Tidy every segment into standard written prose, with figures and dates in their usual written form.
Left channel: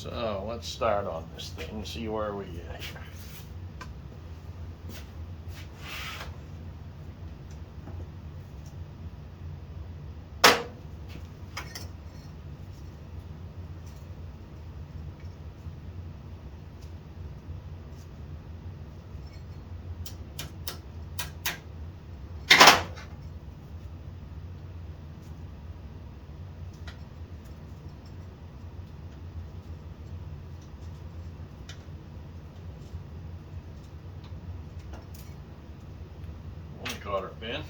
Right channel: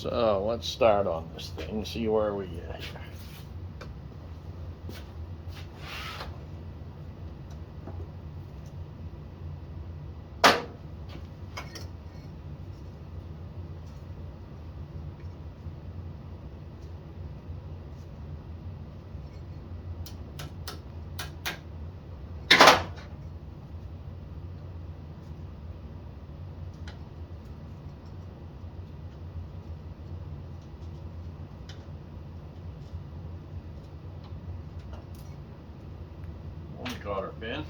So let's start on this thing, see where we get here. One cotter pin.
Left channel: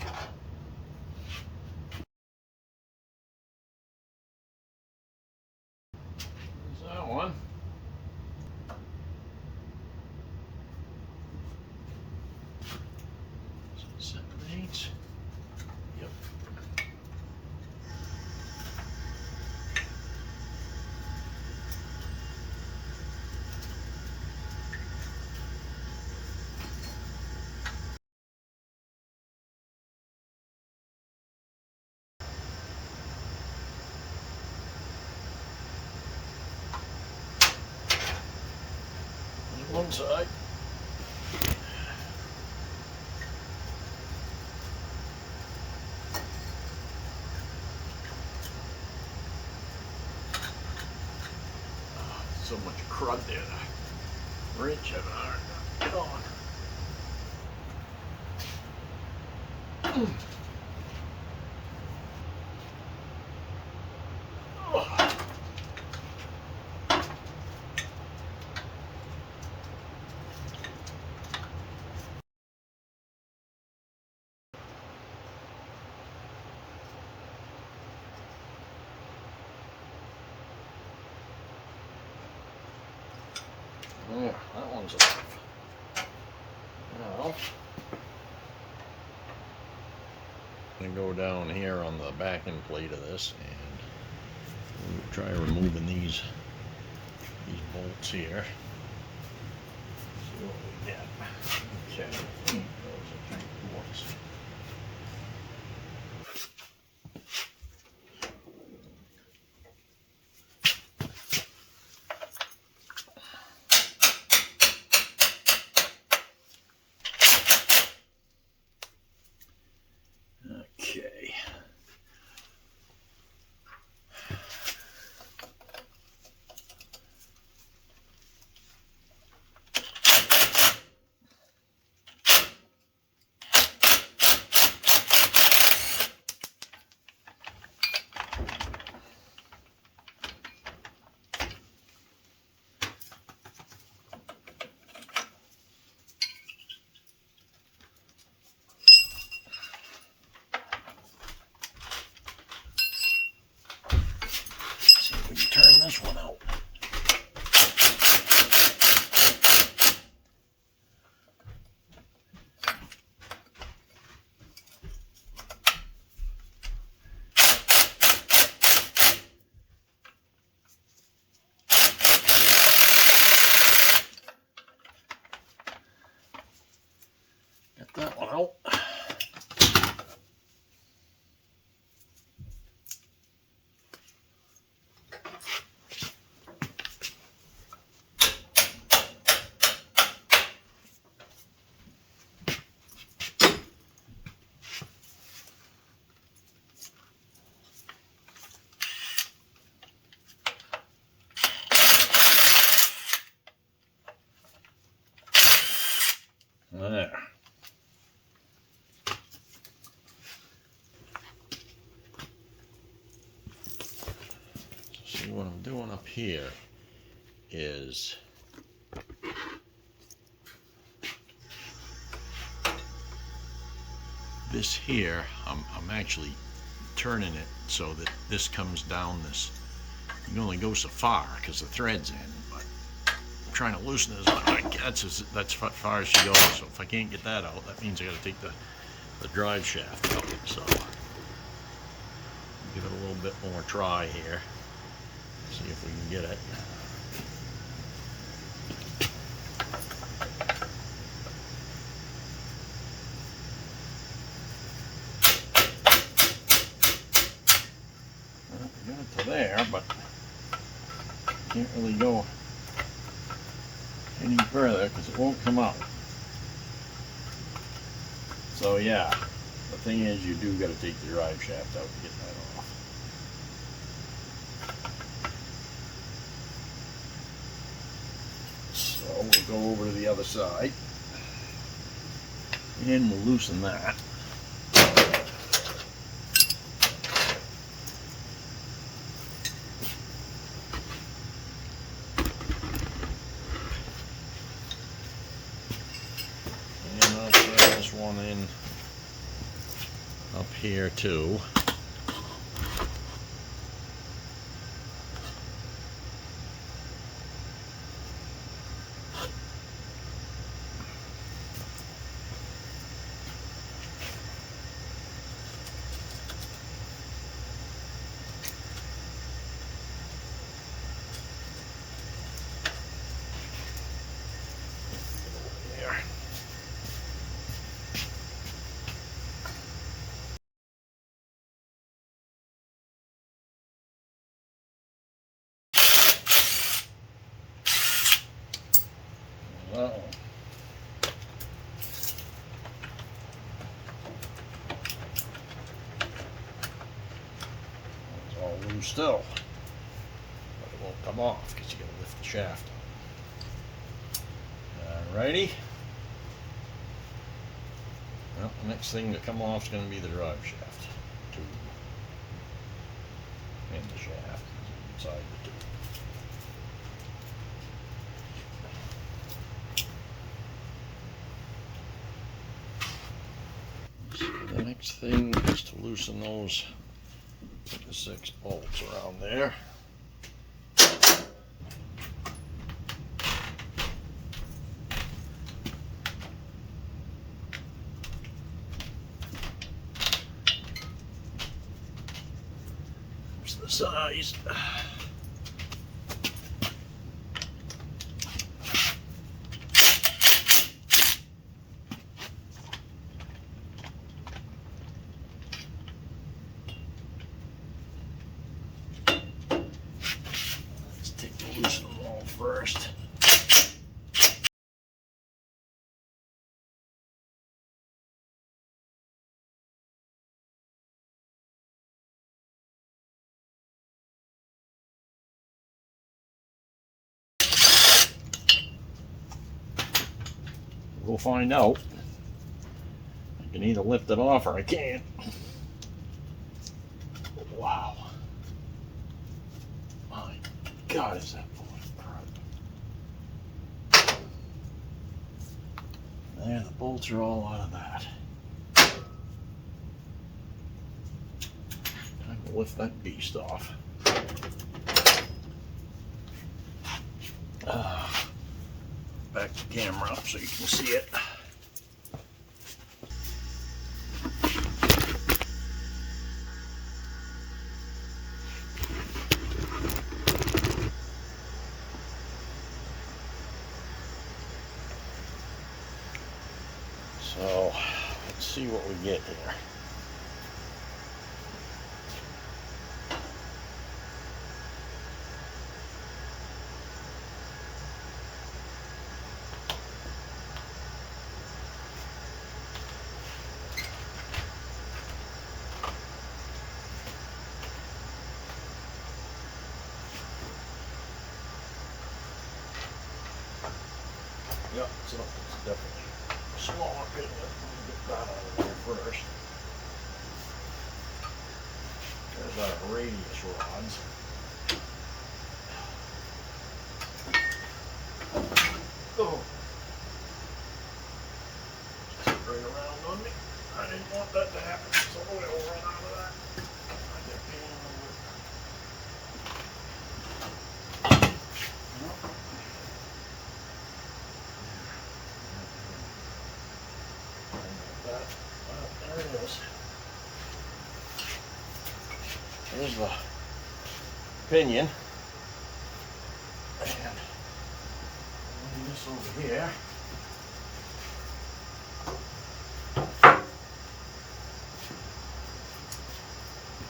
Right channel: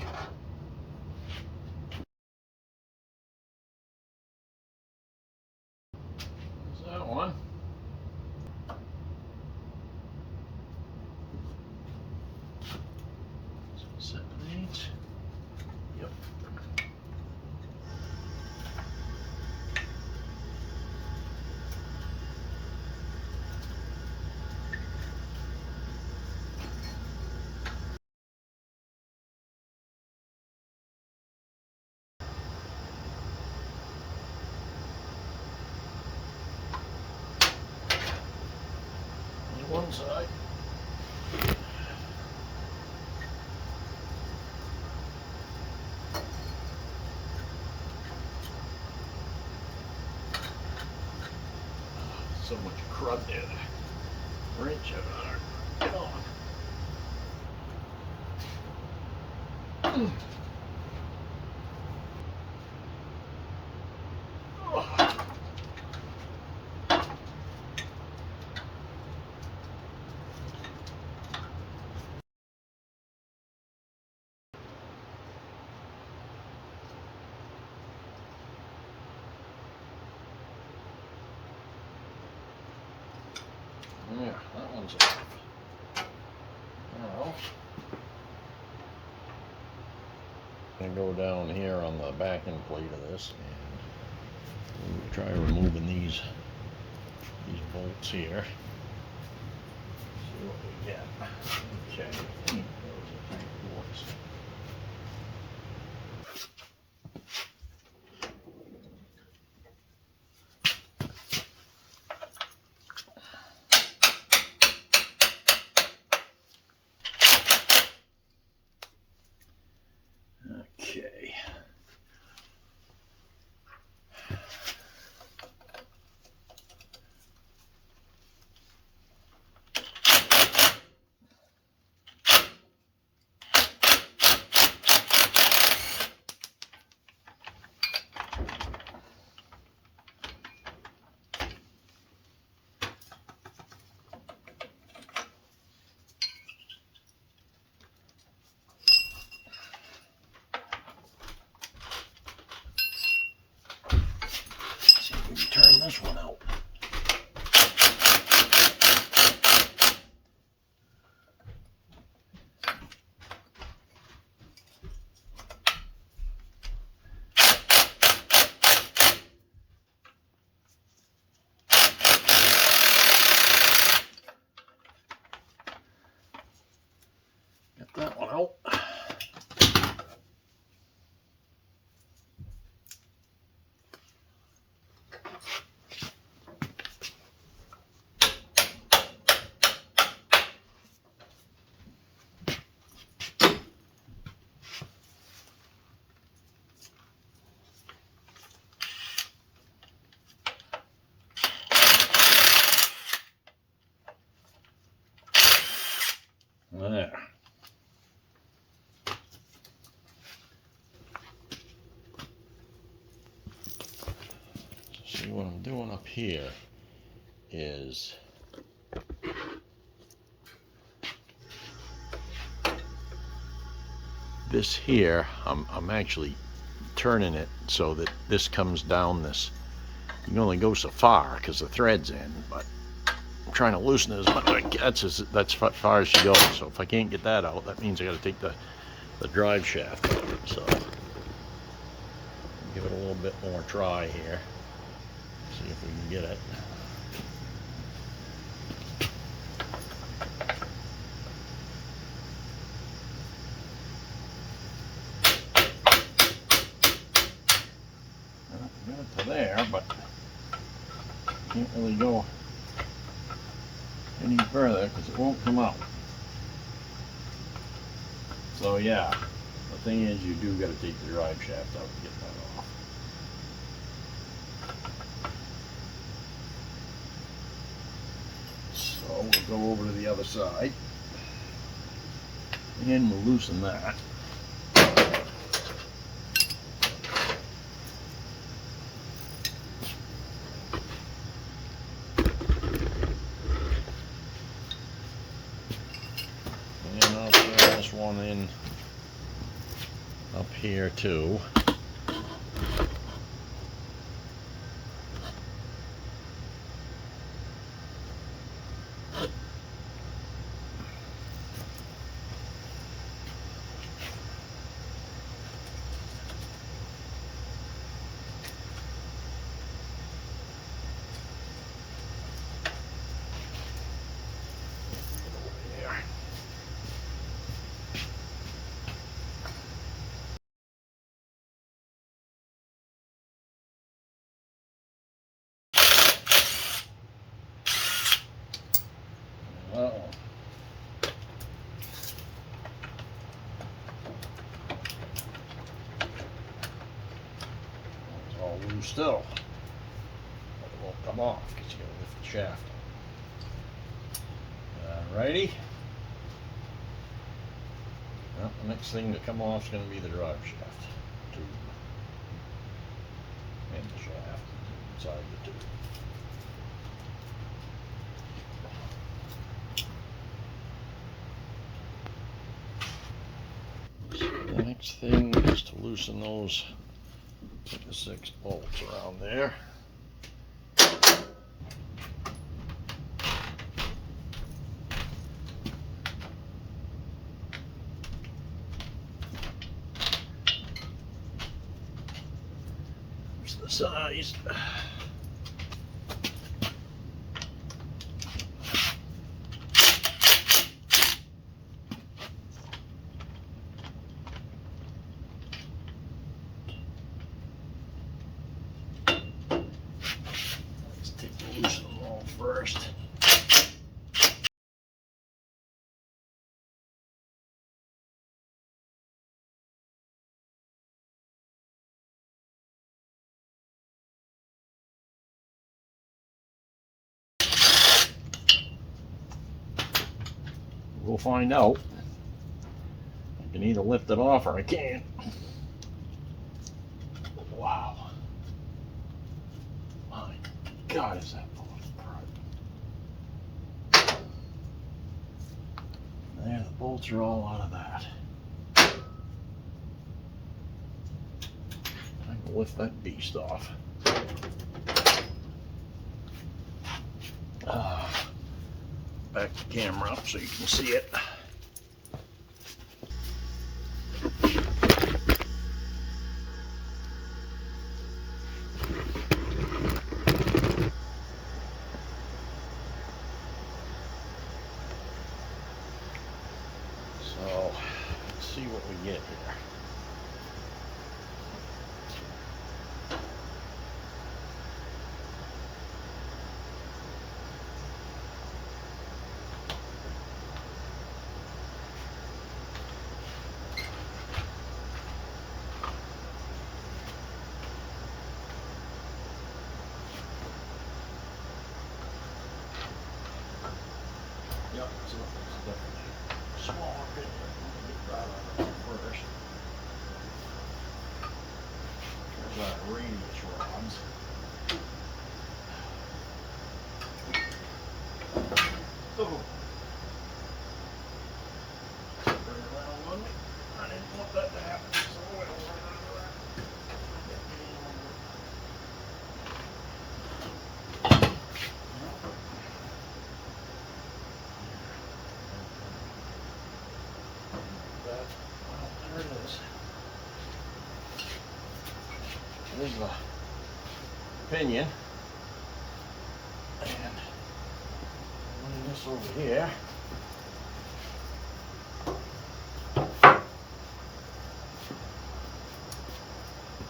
There's that one. 7/8. Yep. One side. So much crud there. Wrench it hard. Get on. Yeah, that one's off. Now, I'm going to go down here on the backing plate of this and we'll try removing these bolts here. See what we get. Okay, those are tank bolts. Okay. See if we can turn this one out. Get that one out. There. See, what I'm doing up here is this here, I'm actually turning it so that this comes down this. You can only go so far because the thread's in, but I'm trying to loosen it as much as I can. That's as far as she goes. So if I can't get that out, that means I got to take the drive shaft out. So give it a little bit more try here. See if we can get it. Well, we got it to there, but Can't really go any further because it won't come out. So yeah, the thing is, you do got to take the drive shaft out to get that off. So we'll go over to the other side and we'll loosen that. And I'll get this one in up here too. Uh-oh. It's all loose still. It won't come off because you gotta lift the shaft. Alrighty. Well, the next thing to come off is going to be the drive shaft tube and the shaft inside the tube. So the next thing is to loosen those 6 bolts around there. Here's the size. Loosen them all first. We'll find out. I can either lift it off or I can't. Wow. My God, is that falling apart. There, the bolts are all out of that. Time to lift that beast off. Back the camera up so you can see it. So, let's see what we get here. Yep, so it's definitely a smaller pin. We'll get that out of there first. There's our radius rods. Oh. Just right around on me. I didn't want that to happen, so we'll run out of that. There it is. Here's the pinion. And leave this over here.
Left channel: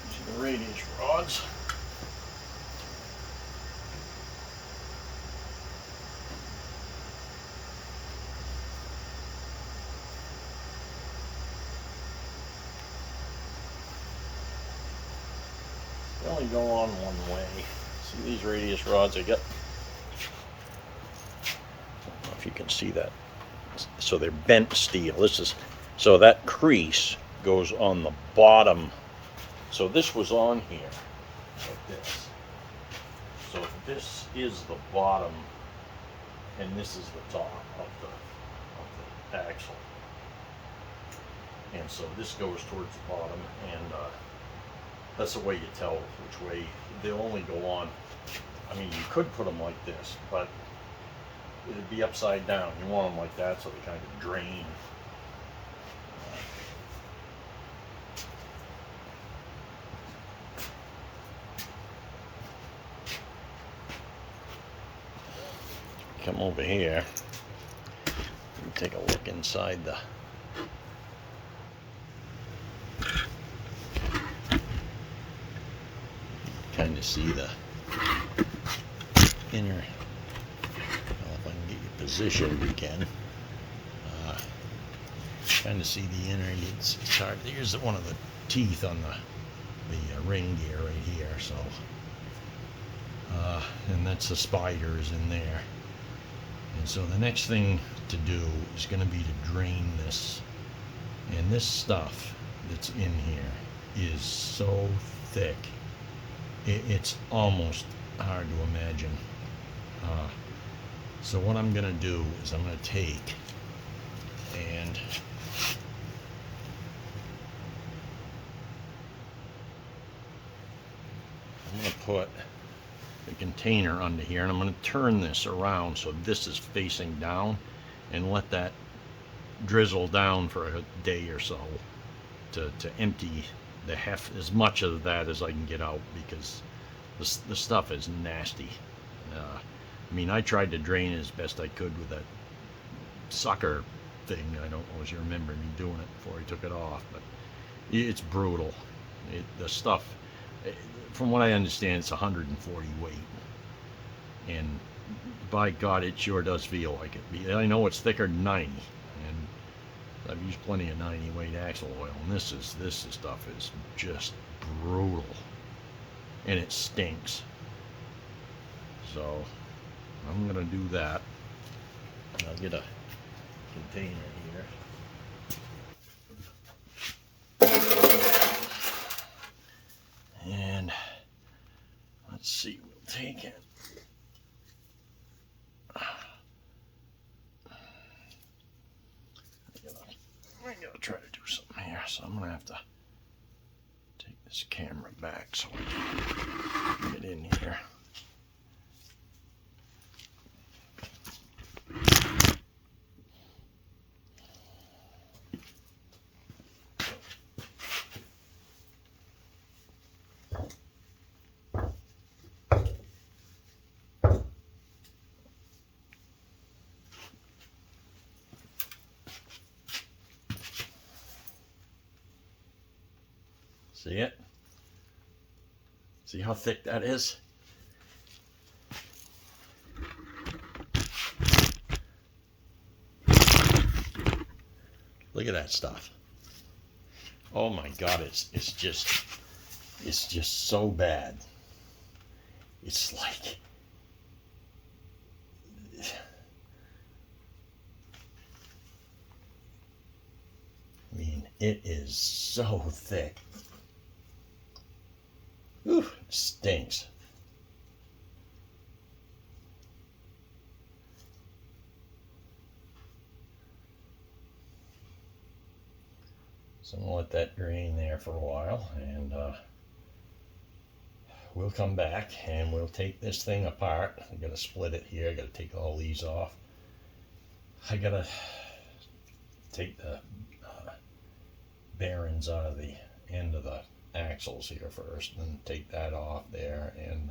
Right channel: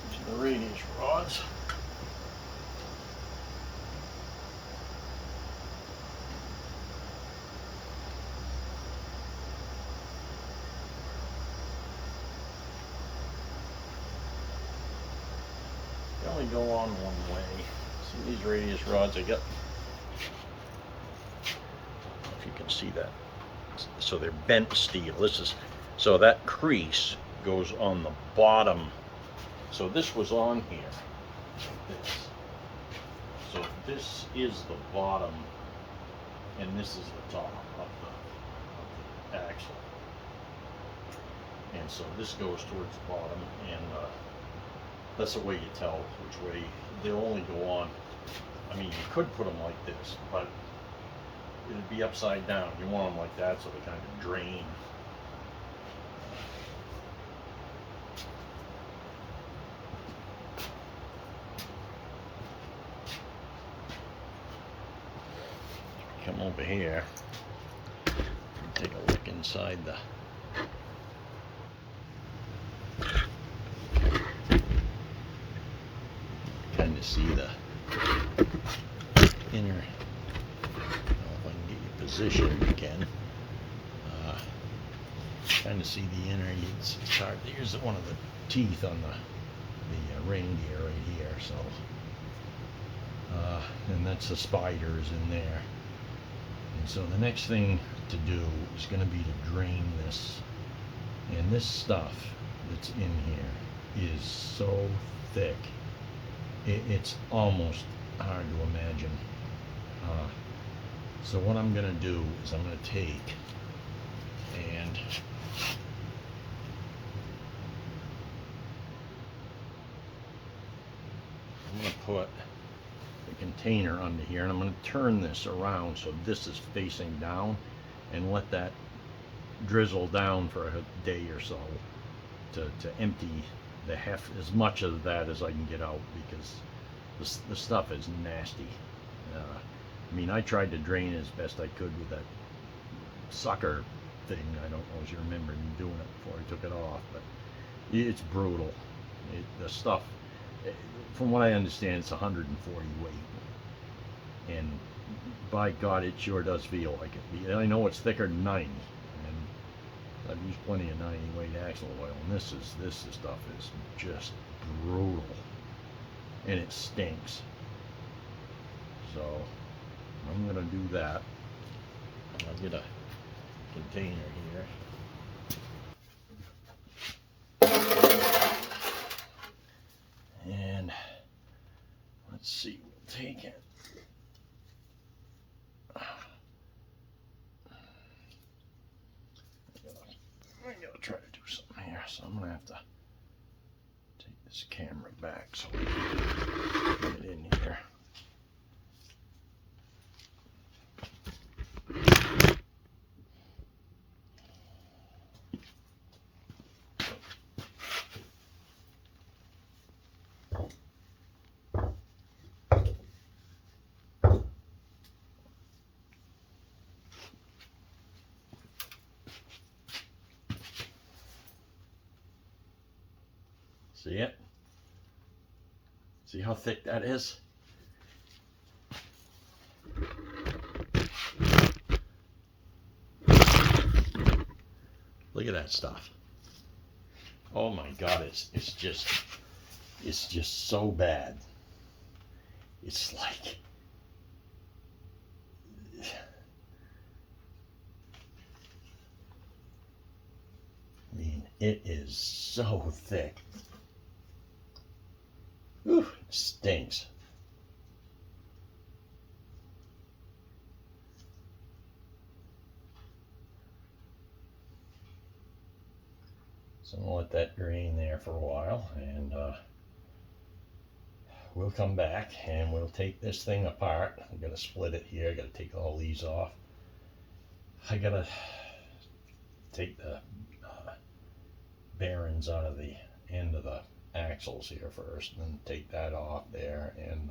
These are the radius rods. go on one way. See these radius rods I got? I don't know if you can see that. So they're bent steel. This is, so that crease goes on the bottom. So this was on here, like this. So this is the bottom, and this is the top of the axle. And so this goes towards the bottom, and that's the way you tell which way. They'll only go on. I mean, you could put them like this, but it'd be upside down. You want them like that so they kind of drain. Come over here and take a look inside the kind of see the inner. Well, if I can get you positioned, you can. Trying to see the inner. It's hard. Here's one of the teeth on the reindeer right here. So, and that's the spiders in there. And so the next thing to do is going to be to drain this. And this stuff that's in here is so thick. It's almost hard to imagine. So what I'm going to do is I'm going to take and I'm going to put the container under here, and I'm going to turn this around so this is facing down and let that drizzle down for a day or so to empty the as much of that as I can get out, because the stuff is nasty. I mean, I tried to drain it as best I could with that sucker thing. I don't know if you remember me doing it before I took it off, but it's brutal. The stuff, from what I understand, it's 140 weight, and by God, it sure does feel like it. I know it's thicker than 90, and I've used plenty of 90 weight axle oil, and this stuff is just brutal, and it stinks. So I'm gonna do that. I'll get a container here, and let's see, we'll take it. I gotta try to do something here, so I'm gonna have to take this camera back so we can get it in here. See it? See how thick that is? Look at that stuff. Oh my God, it's just so bad. It's like, I mean, it is so thick. Whew, it stinks. So I'm gonna let that drain there for a while, and we'll come back and we'll take this thing apart. I'm gonna split it here. I gotta take all these off. I gotta take the bearings out of the end of the axles here first, and then take that off there and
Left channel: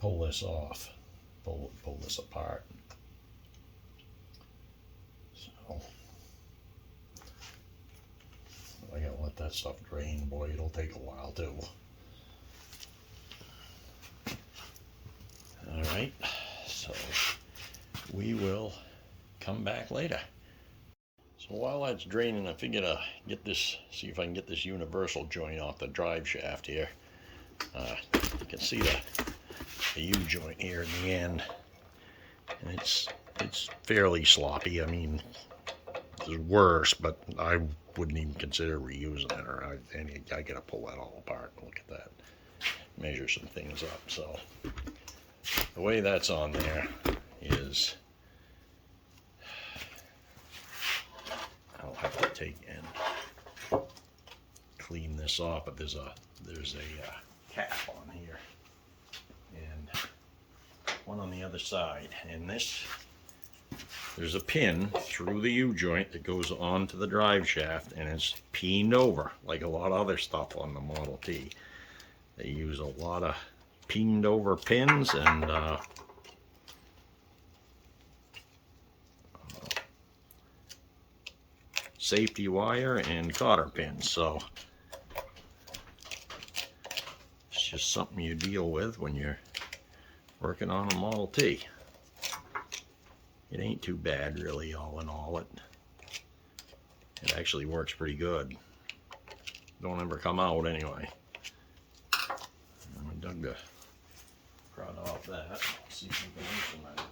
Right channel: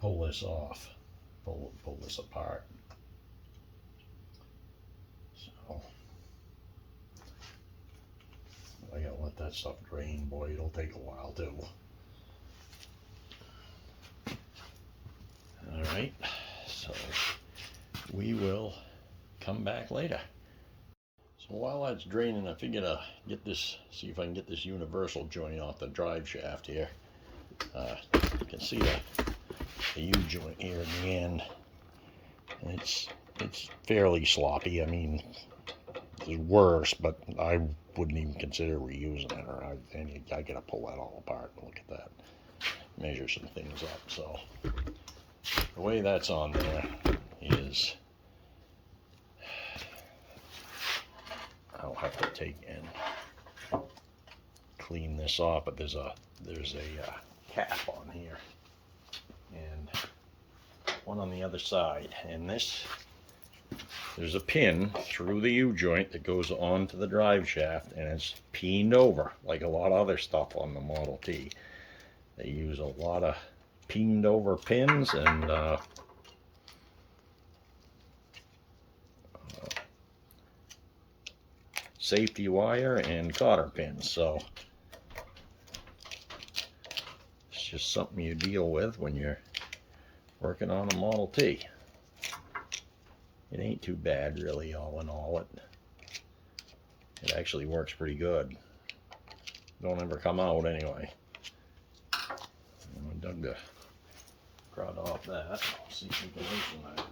pull this off, pull this apart. So I gotta let that stuff drain. Boy, it'll take a while too. All right, so we will come back later. So while that's draining, I figured I'd get this, see if I can get this universal joint off the drive shaft here. You can see the U-joint here in the end, and it's fairly sloppy. I mean, it's worse, but I wouldn't even consider reusing it, or I gotta pull that all apart and look at that, measure some things up. So the way that's on there is I'll have to take and clean this off, but there's a cap on here and one on the other side, and there's a pin through the U-joint that goes onto the drive shaft, and it's pined over like a lot of other stuff on the Model T. They use a lot of pined over pins and safety wire and cotter pins, so it's just something you deal with when you're working on a Model T. It ain't too bad, really. All in all, it actually works pretty good. Don't ever come out anyway. And we dug the crud off that. See if we can loosen that.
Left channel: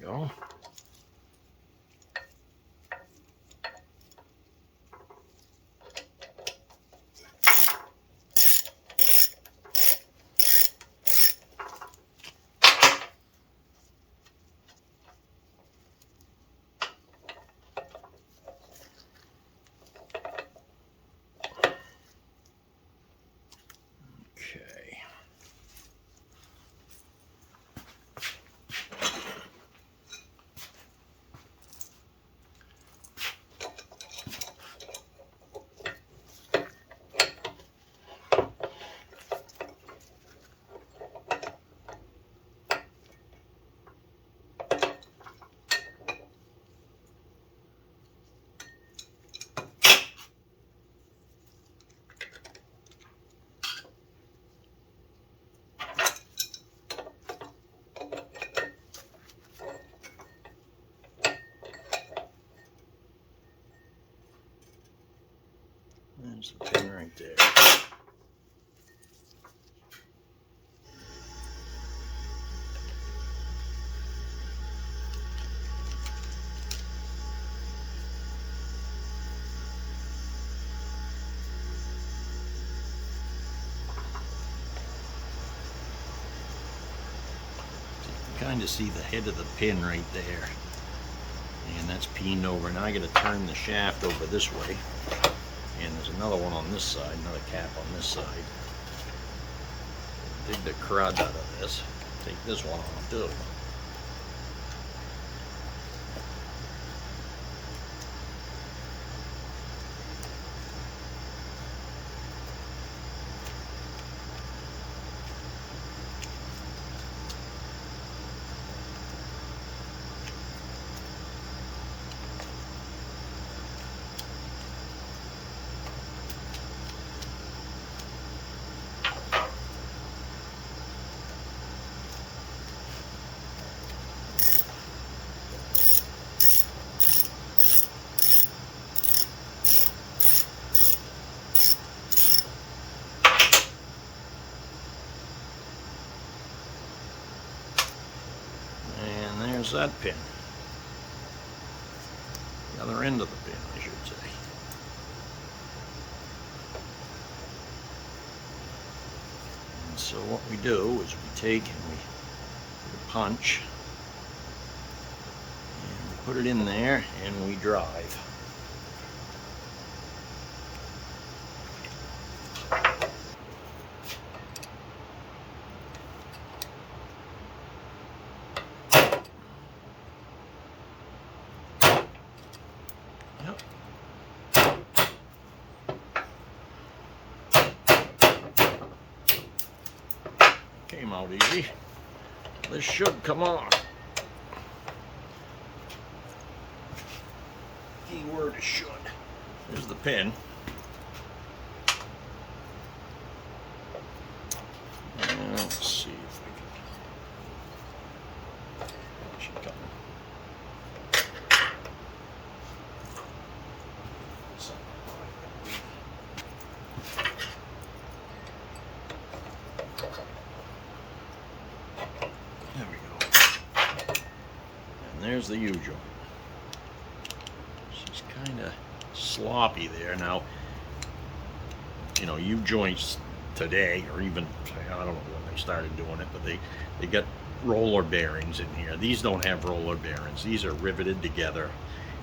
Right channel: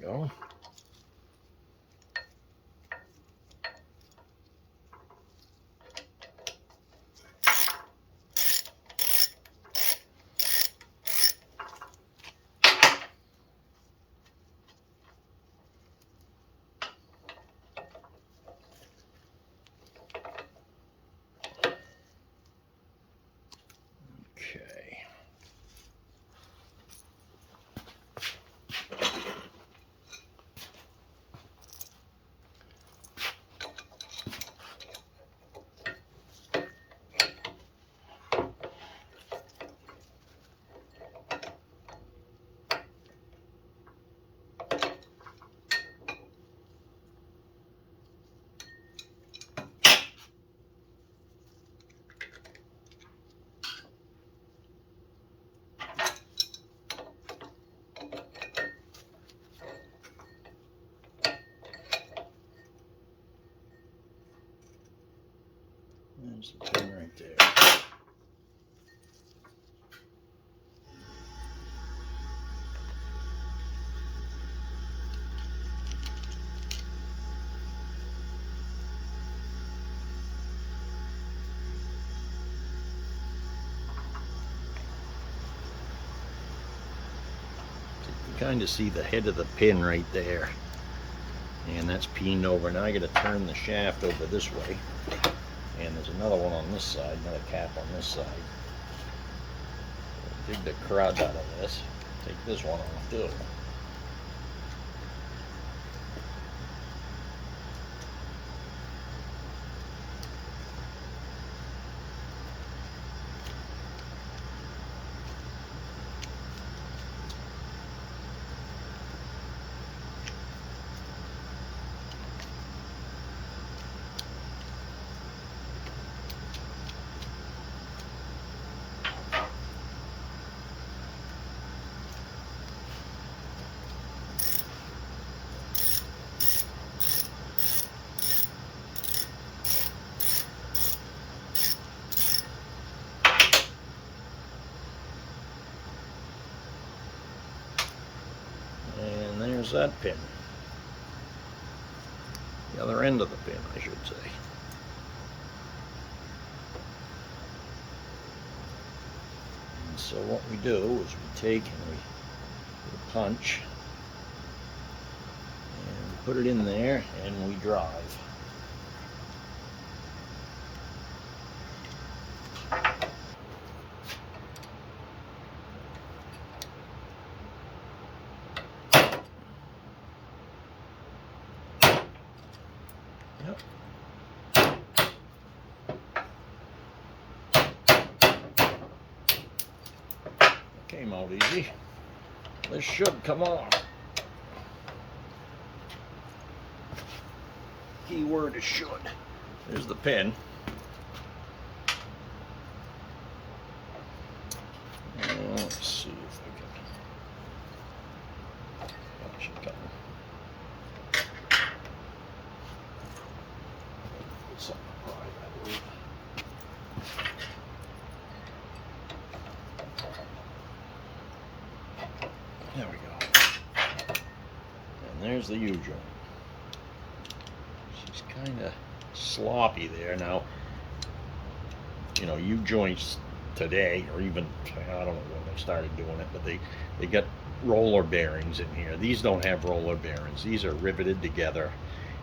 Go. Okay. There's the pin right there. You can kind of see the head of the pin right there, and that's pined over. Now I got to turn the shaft over this way, and there's another one on this side, another cap on this side. Dig the crud out of this, take this one off too. There's that pin. The other end of the pin, I should say. And so what we do is we take and we get a punch and we put it in there and we drive. Yep. Came out easy. This should come on. key word is should. Here's the pin. Let's see if I can catch it coming. There we go. And there's the U-joint. She's kind of sloppy there. Now, you know, U-joints today, or even, I don't know when they started doing it, but they got roller bearings in here. These don't have roller bearings. These are riveted together,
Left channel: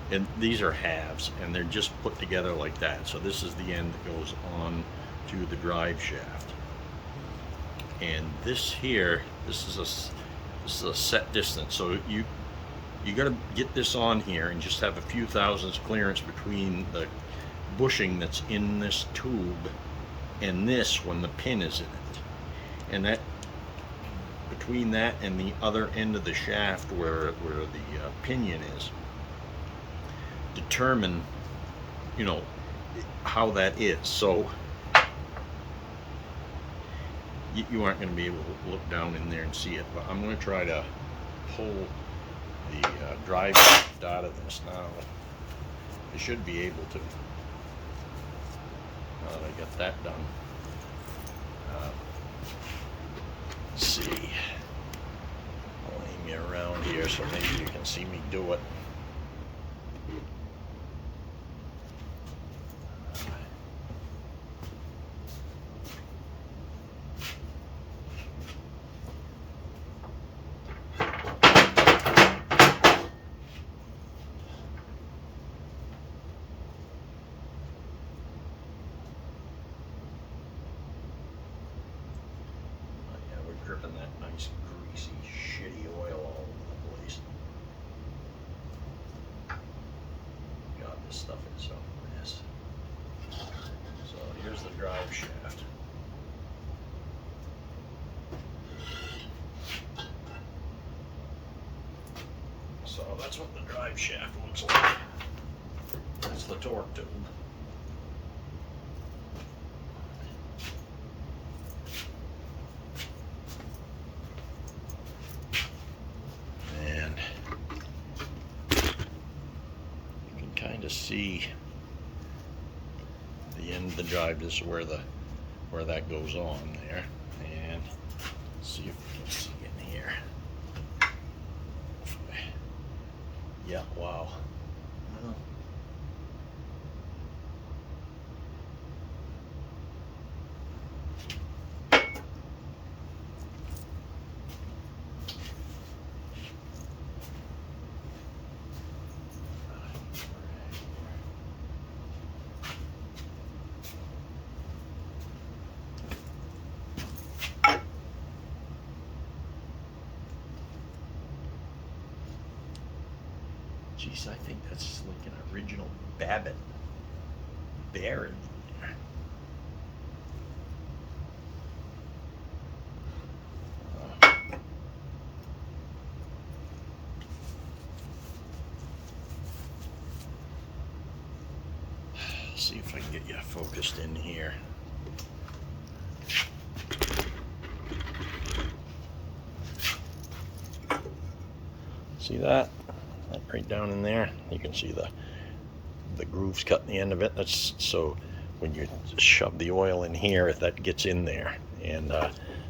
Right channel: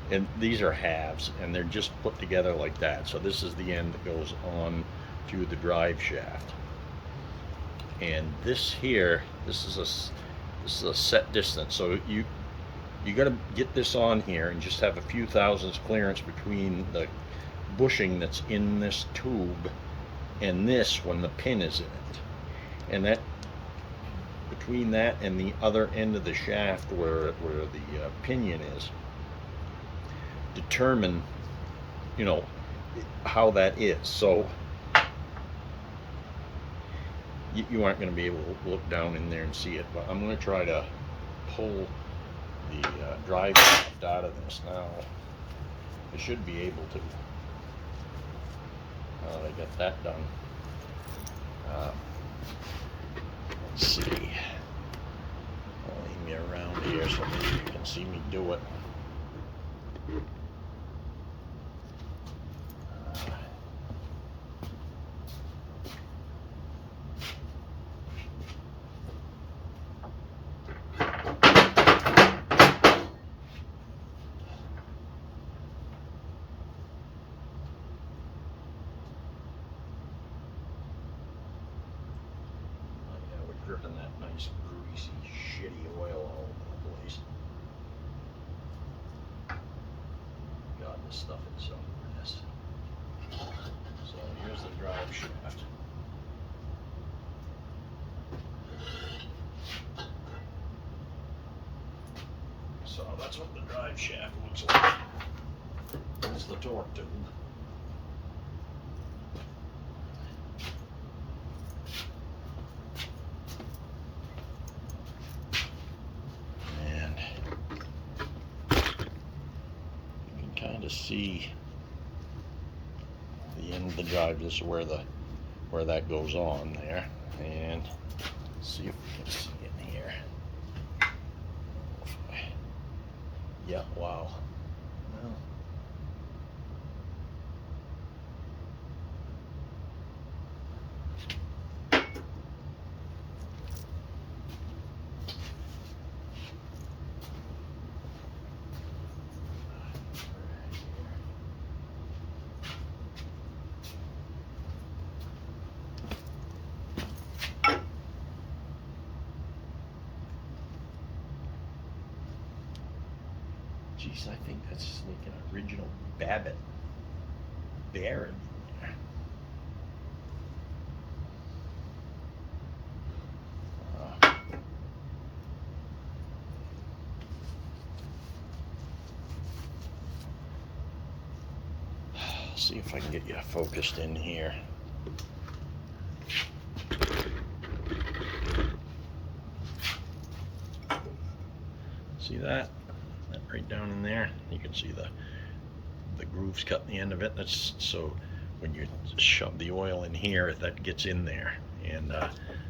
and these are halves, and they're just put together like that. So this is the end that goes on to the drive shaft. And this here, this is a set distance. So you got to get this on here and just have a few thousandths clearance between the bushing that's in this tube and this when the pin is in it. And that, between that and the other end of the shaft where the pinion is, determine, you know, how that is. So you aren't going to be able to look down in there and see it, but I'm going to try to pull the drive shaft out of this now. I should be able to, now that I got that done. Let's see, I'll aim you around here so maybe you can see me do it. Dripping that nice greasy shitty oil all over the place. God, this stuff is so mess. So here's the drive shaft. So that's what the drive shaft looks like. That's the torque tube. Kind of see the end of the drive. This is where that goes on there, and see if we can see in here. Yeah, wow. Well, geez, I think that's like an original Babbitt bearing in there. See if I can get you focused in here. See that? That right down in there? You can see the grooves cut in the end of it. That's so when you shove the oil in here, if that gets in there. And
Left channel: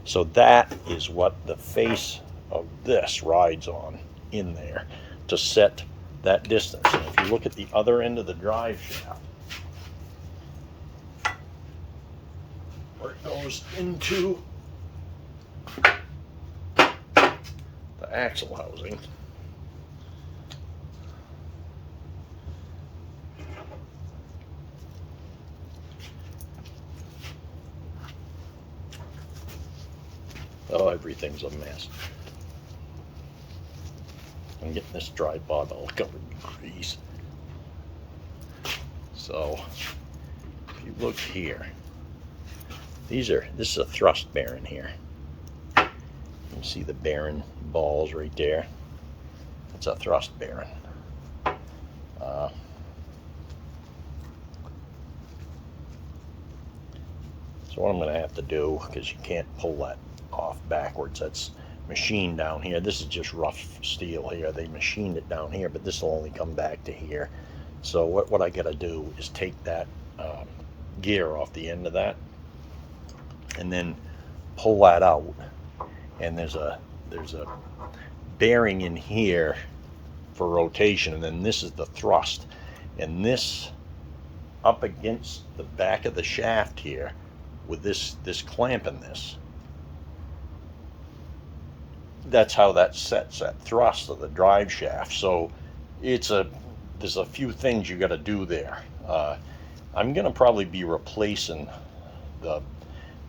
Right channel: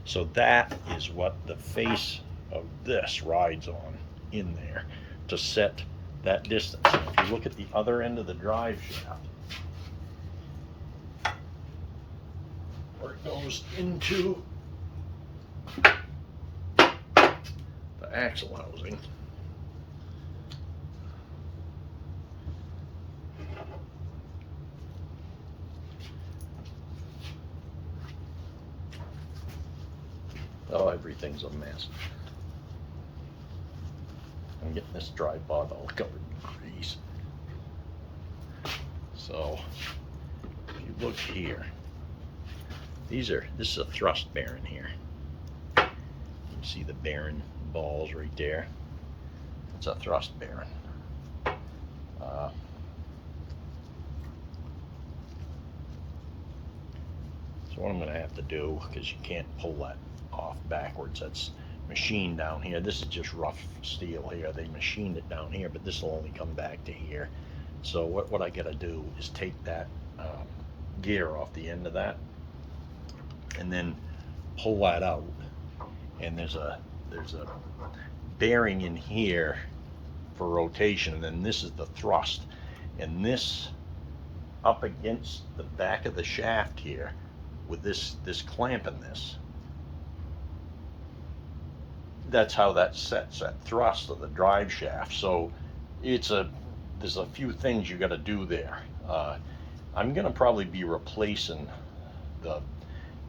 so that is what the face of this rides on in there to set that distance. And if you look at the other end of the drive shaft, where it goes into the axle housing, oh, everything's a mess. I'm getting this tripod all covered in grease. So if you look here, this is a thrust bearing here. You see the bearing balls right there. It's a thrust bearing. So what I'm going to have to do, because you can't pull that off backwards, that's machined down here. This is just rough steel here. They machined it down here, but this will only come back to here. So what I got to do is take that gear off the end of that and then pull that out. And there's a bearing in here for rotation, and then this is the thrust. And this up against the back of the shaft here with this clamp in this, that's how that sets that thrust of the drive shaft. So there's a few things you got to do there. I'm gonna probably be replacing the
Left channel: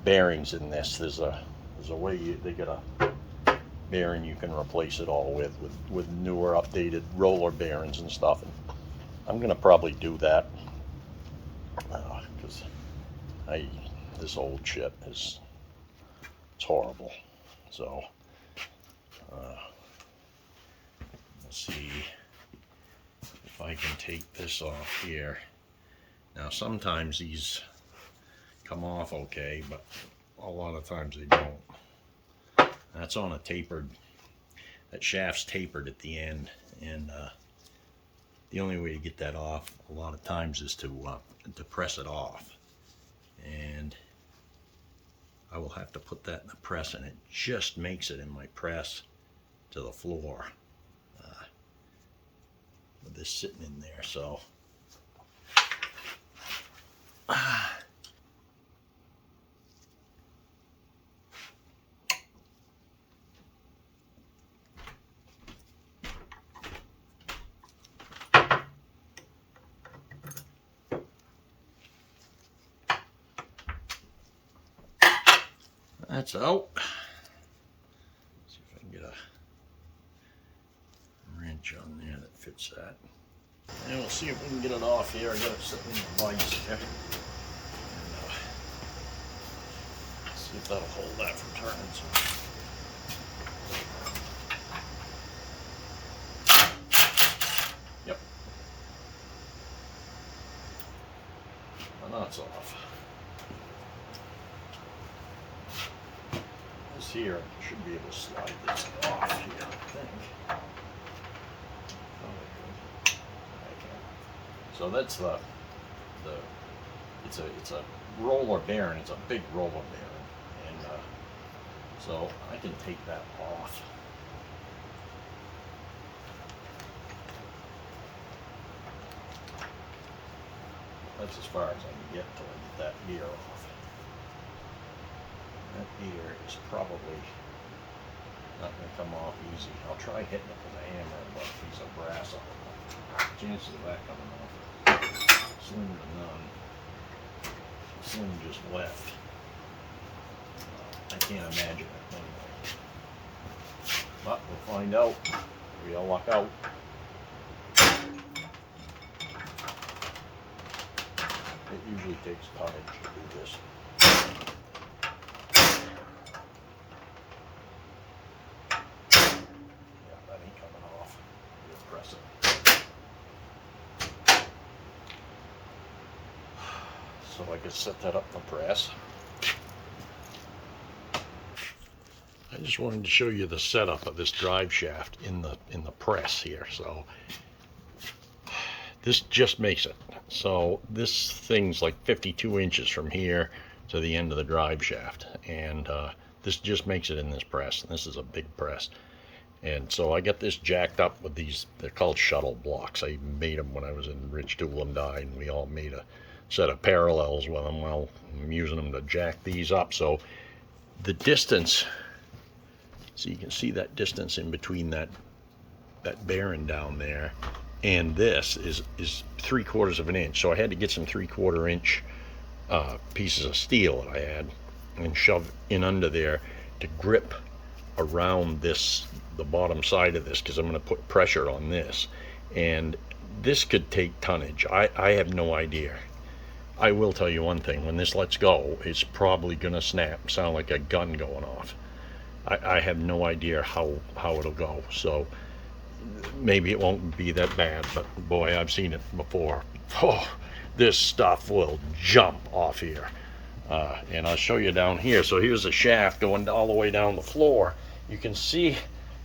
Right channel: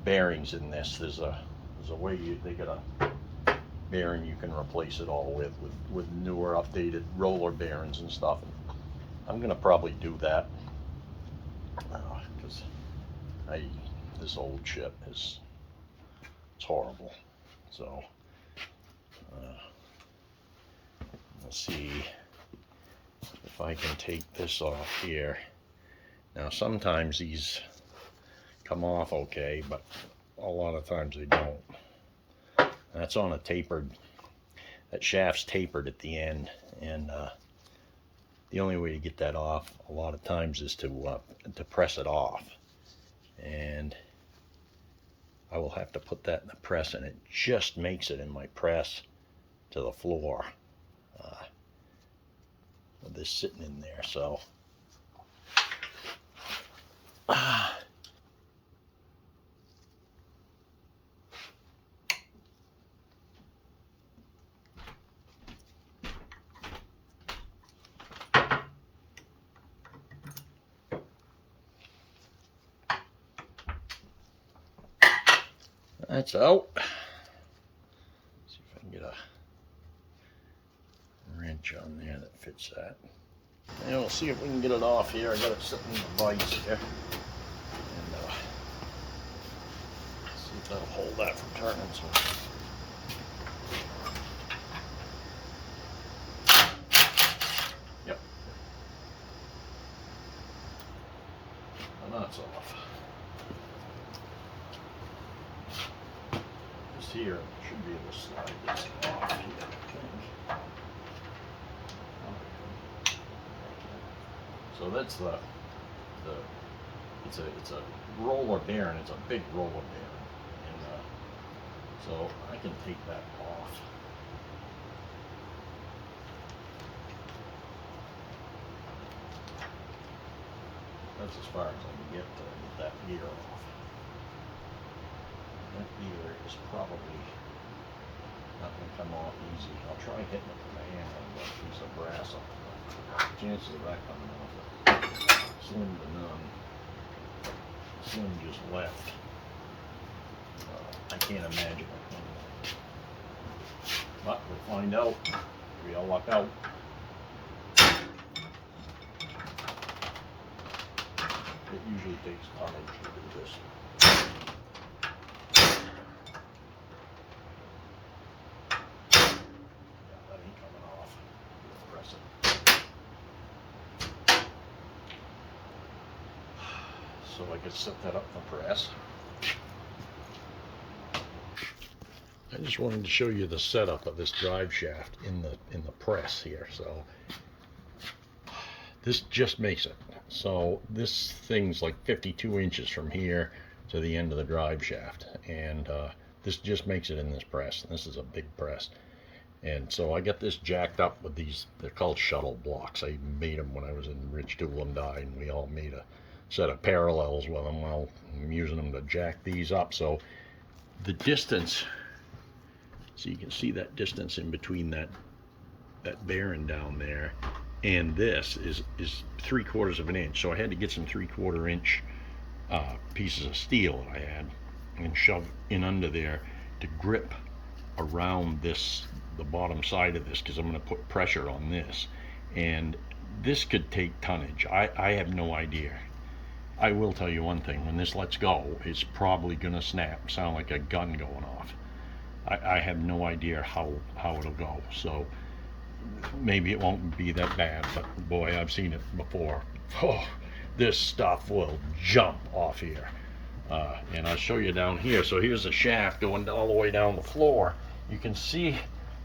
bearings in this. There's a way they got a bearing you can replace it all with newer updated roller bearings and stuff. And I'm gonna probably do that because this old shit it's horrible. So we'll see if I can take this off here. Now sometimes these come off okay, but a lot of times they don't. That's on a tapered, that shaft's tapered at the end, and the only way to get that off a lot of times is to press it off. And I will have to put that in the press, and it just makes it in my press to the floor with this sitting in there. So that's out. See if I can get a wrench on there that fits that. And we'll see if we can get it off here. I got it sitting in the vise here. And see if that'll hold that from turning some. Yep. The nut's off. This here, I should be able to slide this off here, I think. So that's it's a roller bearing. It's a big roller bearing, and so I can take that off. That's as far as I can get till I get that gear off. That gear is probably not going to come off easy. I'll try hitting it with a hammer and a piece of brass on it. Chances of that coming off slim to none. Slim just left. I can't imagine it anyway. But we'll find out. We all luck out. It usually takes tonnage to do this. Yeah, that ain't coming off. We'll press it. So I can set that up for press. I just wanted to show you the setup of this drive shaft in the press here. So this just makes it. So this thing's like 52 inches from here to the end of the drive shaft, and this just makes it in this press. And this is a big press. And so I got this jacked up with these, they're called shuttle blocks. I made them when I was in Rich Tool and Die, and we all made a set of parallels with them. Well, I'm using them to jack these up. So the distance, so you can see that distance in between that bearing down there and this is 3/4 of an inch. So I had to get some 3/4 inch pieces of steel that I had and shove in under there to grip around this, the bottom side of this, because I'm going to put pressure on this, and this could take tonnage. I have no idea. I will tell you one thing, when this lets go, it's probably going to snap, sound like a gun going off. I have no idea how it'll go. So maybe it won't be that bad, but boy, I've seen it before. Oh, this stuff will jump off here. And I'll show you down here. So here's a shaft going all the way down the floor. You can see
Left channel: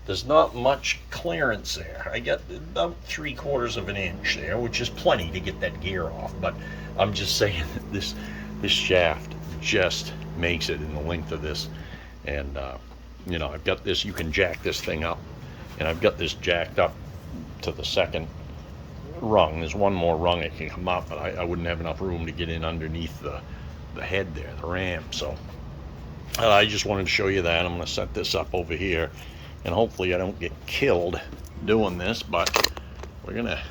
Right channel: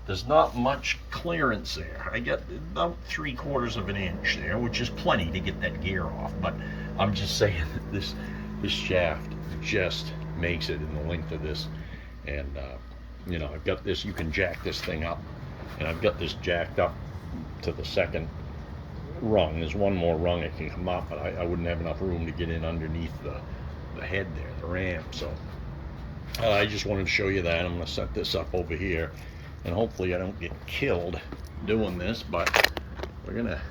there's not much clearance there. I got about 3/4 of an inch there, which is plenty to get that gear off. But I'm just saying that this shaft just makes it in the length of this. And you know, I've got this, you can jack this thing up, and I've got this jacked up to the second rung. There's one more rung that can come up, but I wouldn't have enough room to get in underneath the head there, the ram. So I just wanted to show you that. I'm going to set this up over here, and hopefully I don't get killed doing this, but we're gonna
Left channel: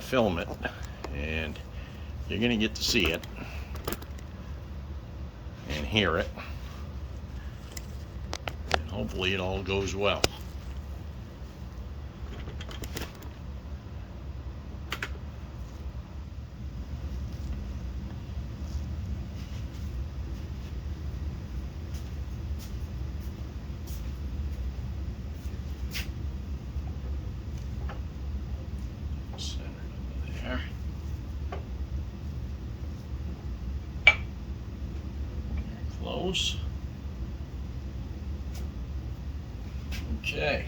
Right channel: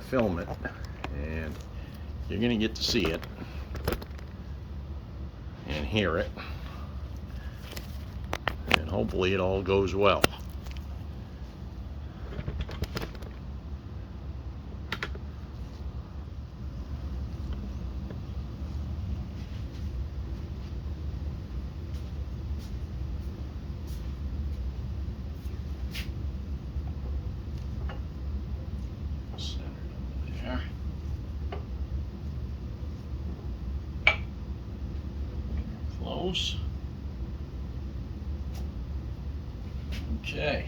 film it, and you're gonna get to see it and hear it, and hopefully it all goes well. Close. Okay.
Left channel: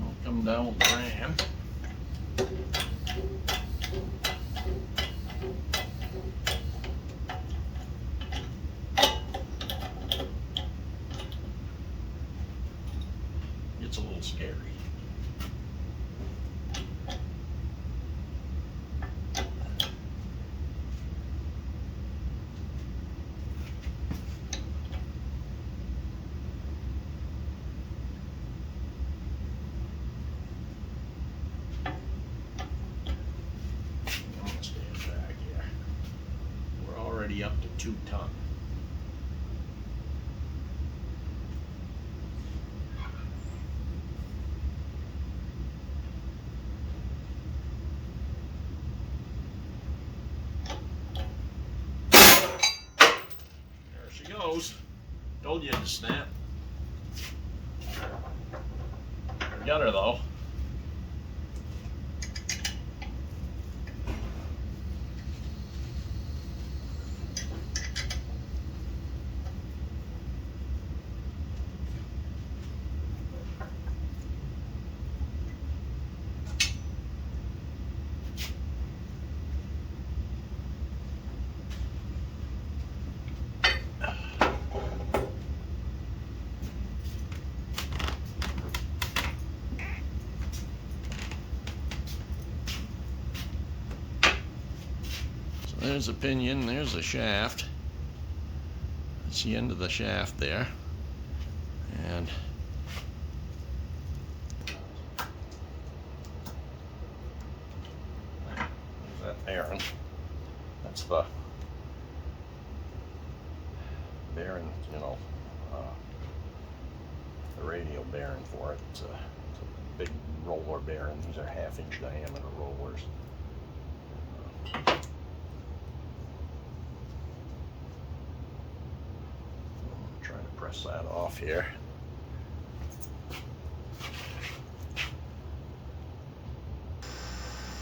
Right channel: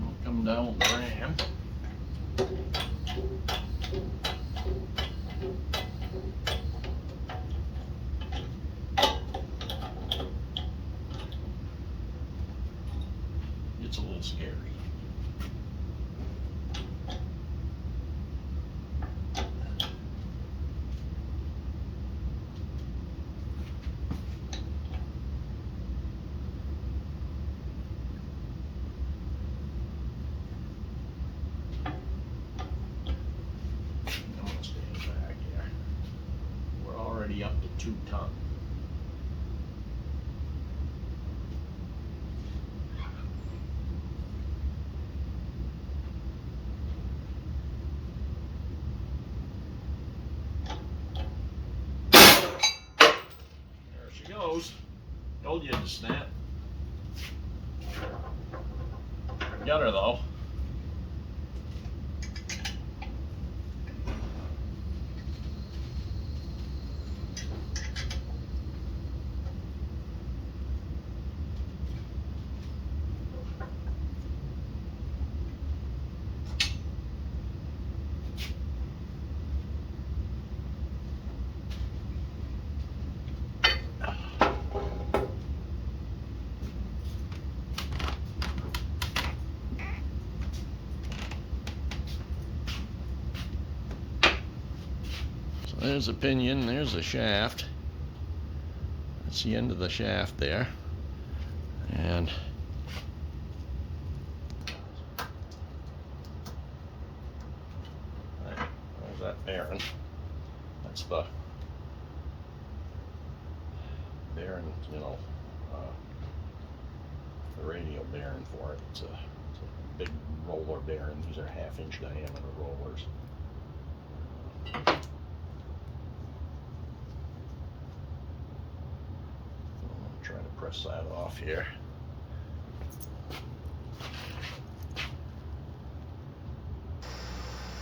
I'll come down with the ram. It's a little scary. Up to 2 tons. There she goes. Told you to snap. Got her though. There's the pinion, there's the shaft. That's the end of the shaft there. And there's that bearing. That's the bearing, you know, the radial bearing for it. It's a big roller bearing. These are 1/2 inch diameter rollers. Trying to press that off here.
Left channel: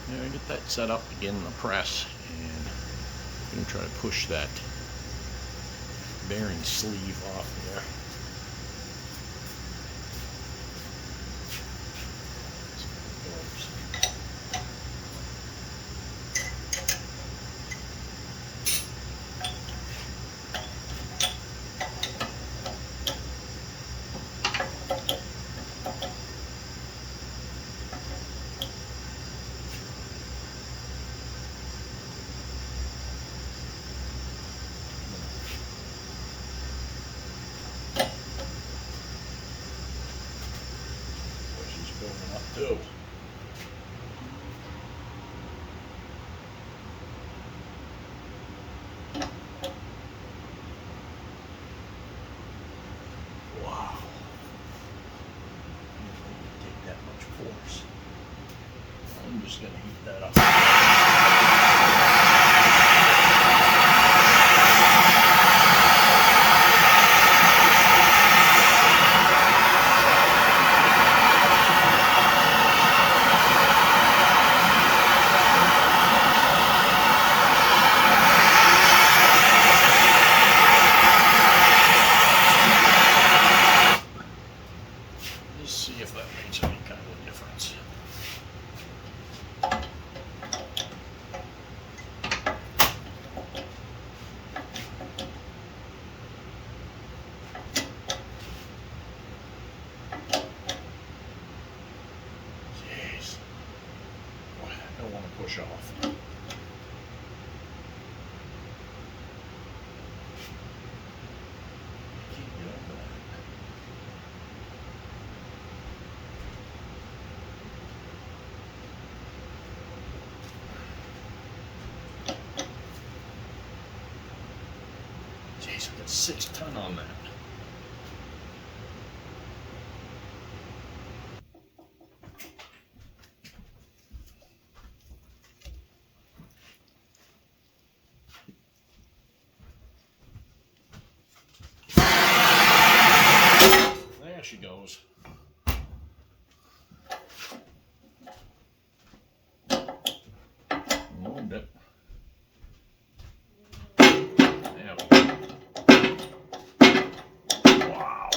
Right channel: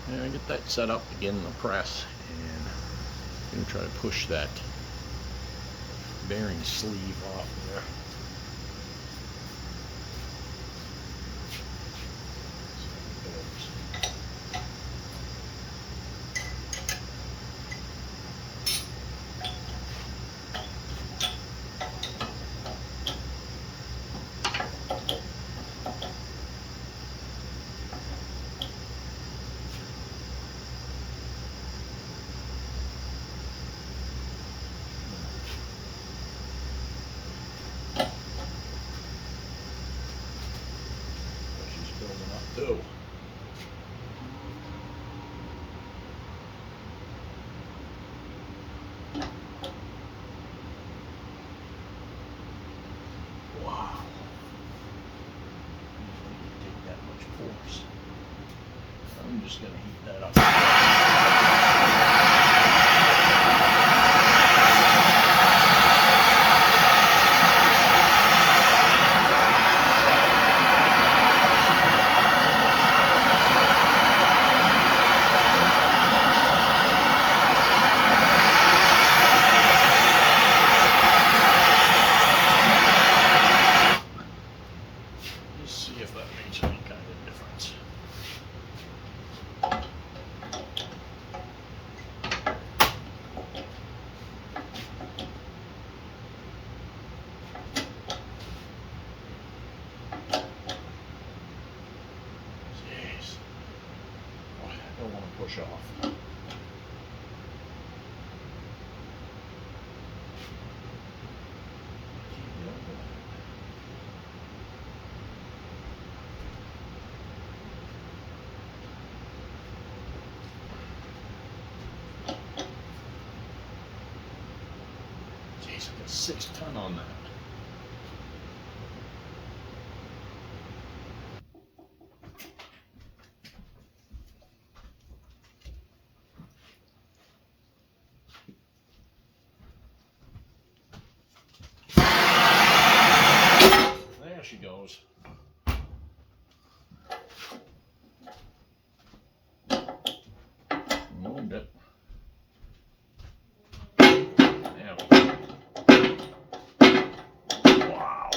There, I get that set up again in the press, and I'm going to try to push that bearing sleeve off there. Too. Wow. Take that much force. I'm just going to heat that up. Don't want to push off. Jeez, put 6 ton on that. There she goes. Moved it. There we go. Wow.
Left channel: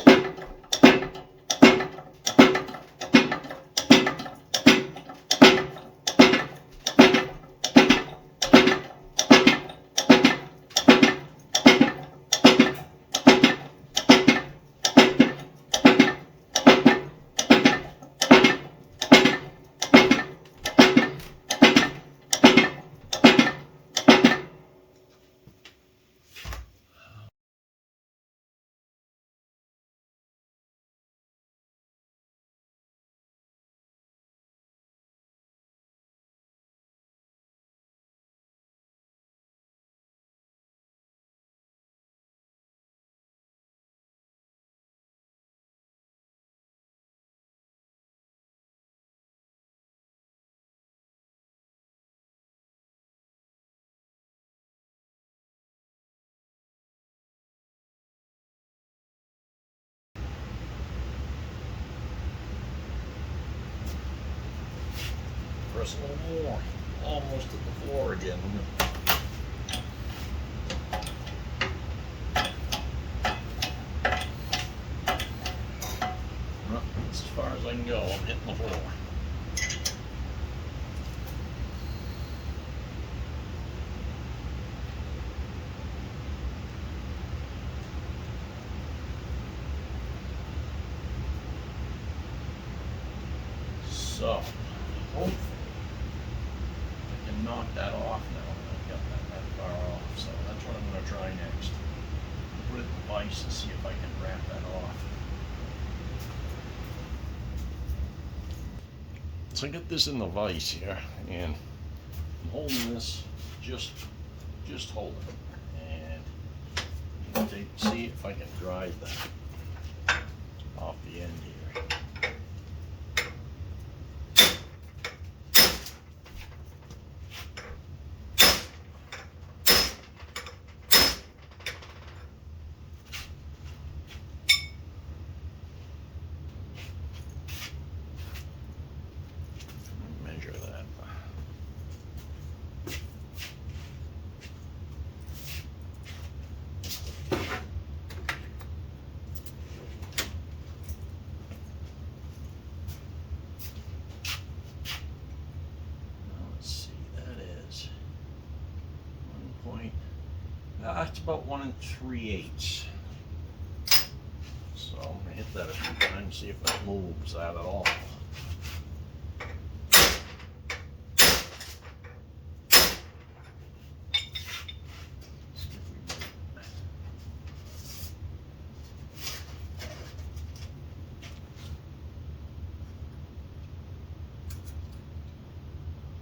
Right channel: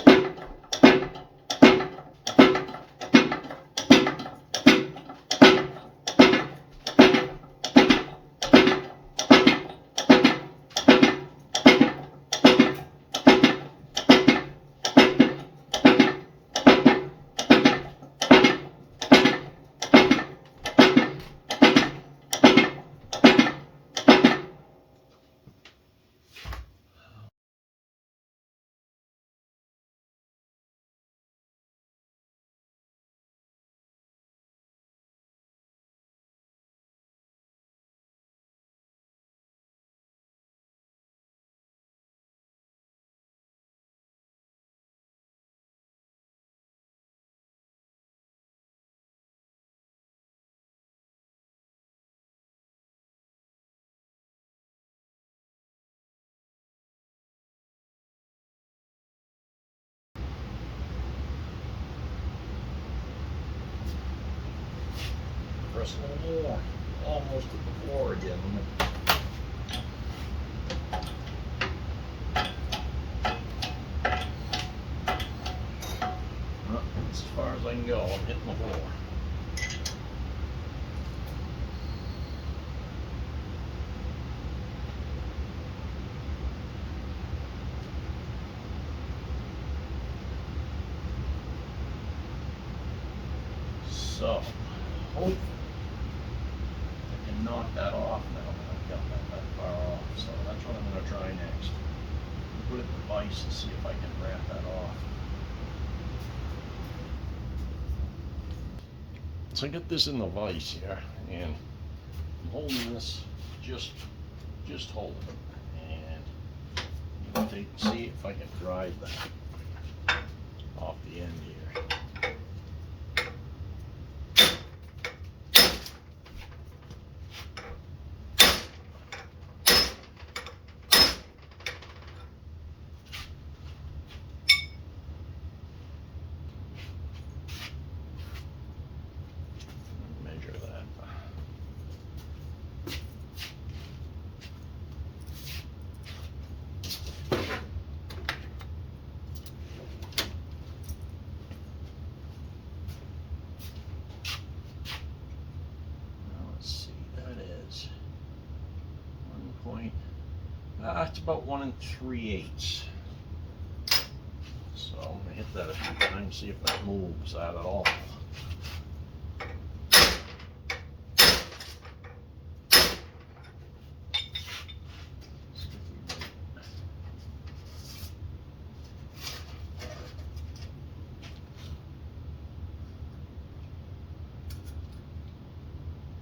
Press a little more. Almost at the floor again. Well, that's as far as I can go. I'm hitting the floor. So, hopefully, I can knock that off now. I've got that far off. So that's what I'm going to try next. Put it in the vise and see if I can wrap that off. So I got this in the vise here, and I'm holding this just hold it, and I'm going to see if I can drive that off the end here. Measure that. It's about 1 3/8. So I'm going to hit that a few times, see if it moves that at all.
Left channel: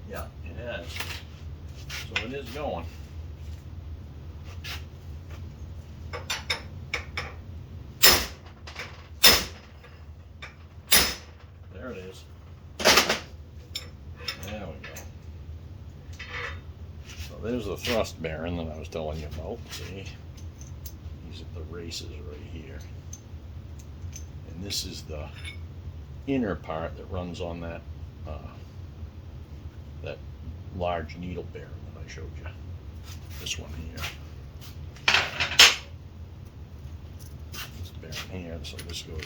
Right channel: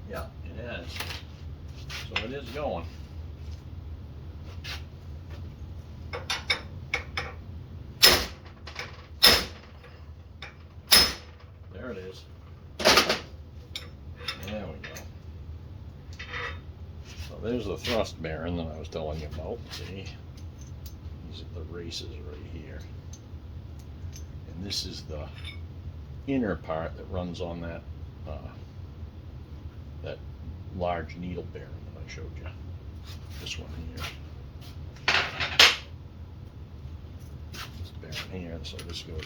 Yeah, it has. So it is going. There it is. There we go. So there's the thrust bearing that I was telling you about. See? These are the races right here. And this is the inner part that runs on that that large needle bearing that I showed you. This one here. This bearing here, so this goes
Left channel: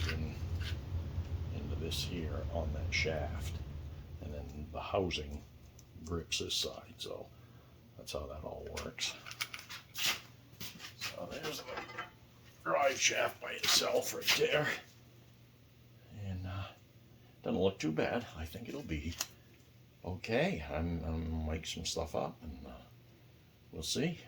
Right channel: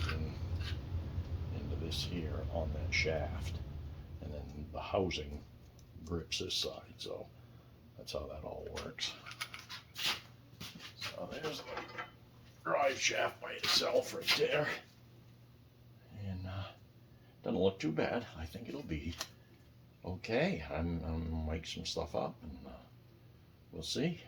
into this here on that shaft, and then the housing grips this side. So that's how that all works. So there's the drive shaft by itself right there, and doesn't look too bad. I think it'll be Okay, I'm make some stuff up, and we'll see.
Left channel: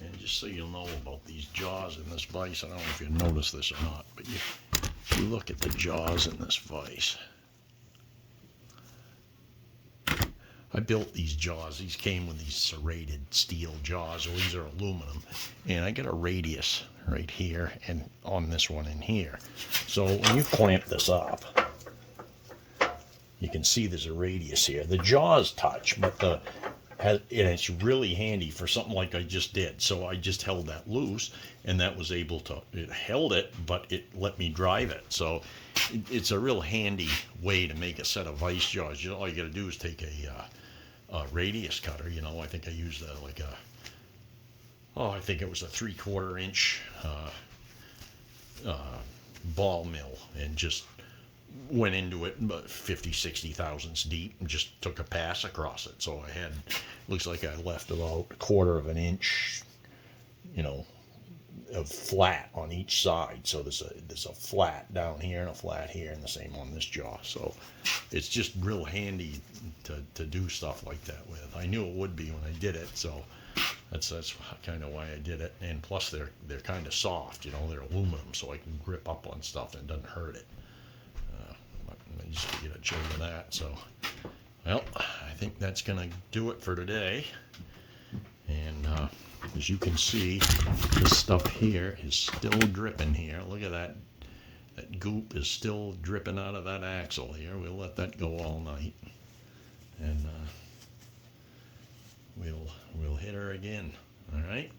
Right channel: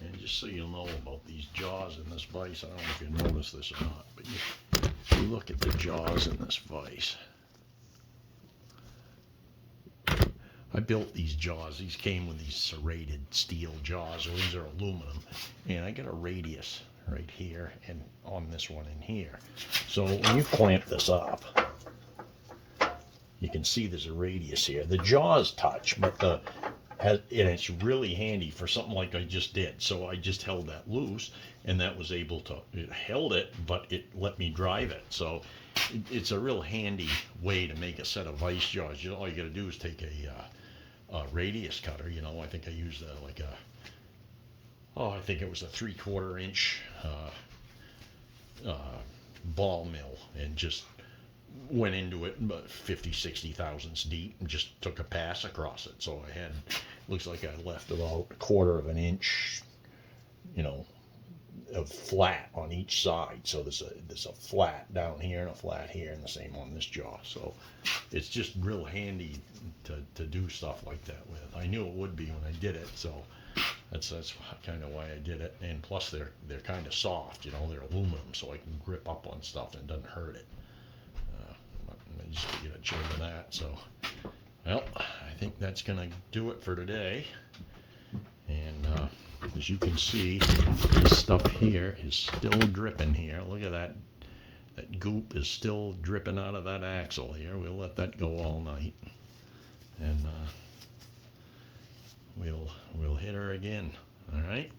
And just so you know about these jaws in this vise, I don't know if you noticed this or not, but you look at the jaws in this vise. I built these jaws. These came with these serrated steel jaws, or these are aluminum. And I get a radius right here and on this one in here. So when you clamp this up, you can see there's a radius here. The jaws touch, but and it's really handy for something like I just did. So I just held that loose, and that was able to, it held it, but it let me drive it. So it's a real handy way to make a set of vise jaws. All you got to do is take a radius cutter. I think I used like I think it was a 3/4 inch ball mill, and just went into it about 50, 60 thousandths deep, and just took a pass across it. So I had, looks like I left about 1/4 of an inch, of flat on each side. So there's a flat down here and a flat here, and the same on this jaw. So it's just real handy to do stuff like that with. I knew it would be when I did it, so that's kind of why I did it. And plus they're kind of soft, they're aluminum, so I can grip up on stuff and it doesn't hurt it. I just get a chair of that. So, well, I think that's gonna do it for today. And as you can see, this stuff here is still dripping here. Look at that. That goop is still dripping out of that axle here. We'll let that go all night. And we'll hit her again. All right.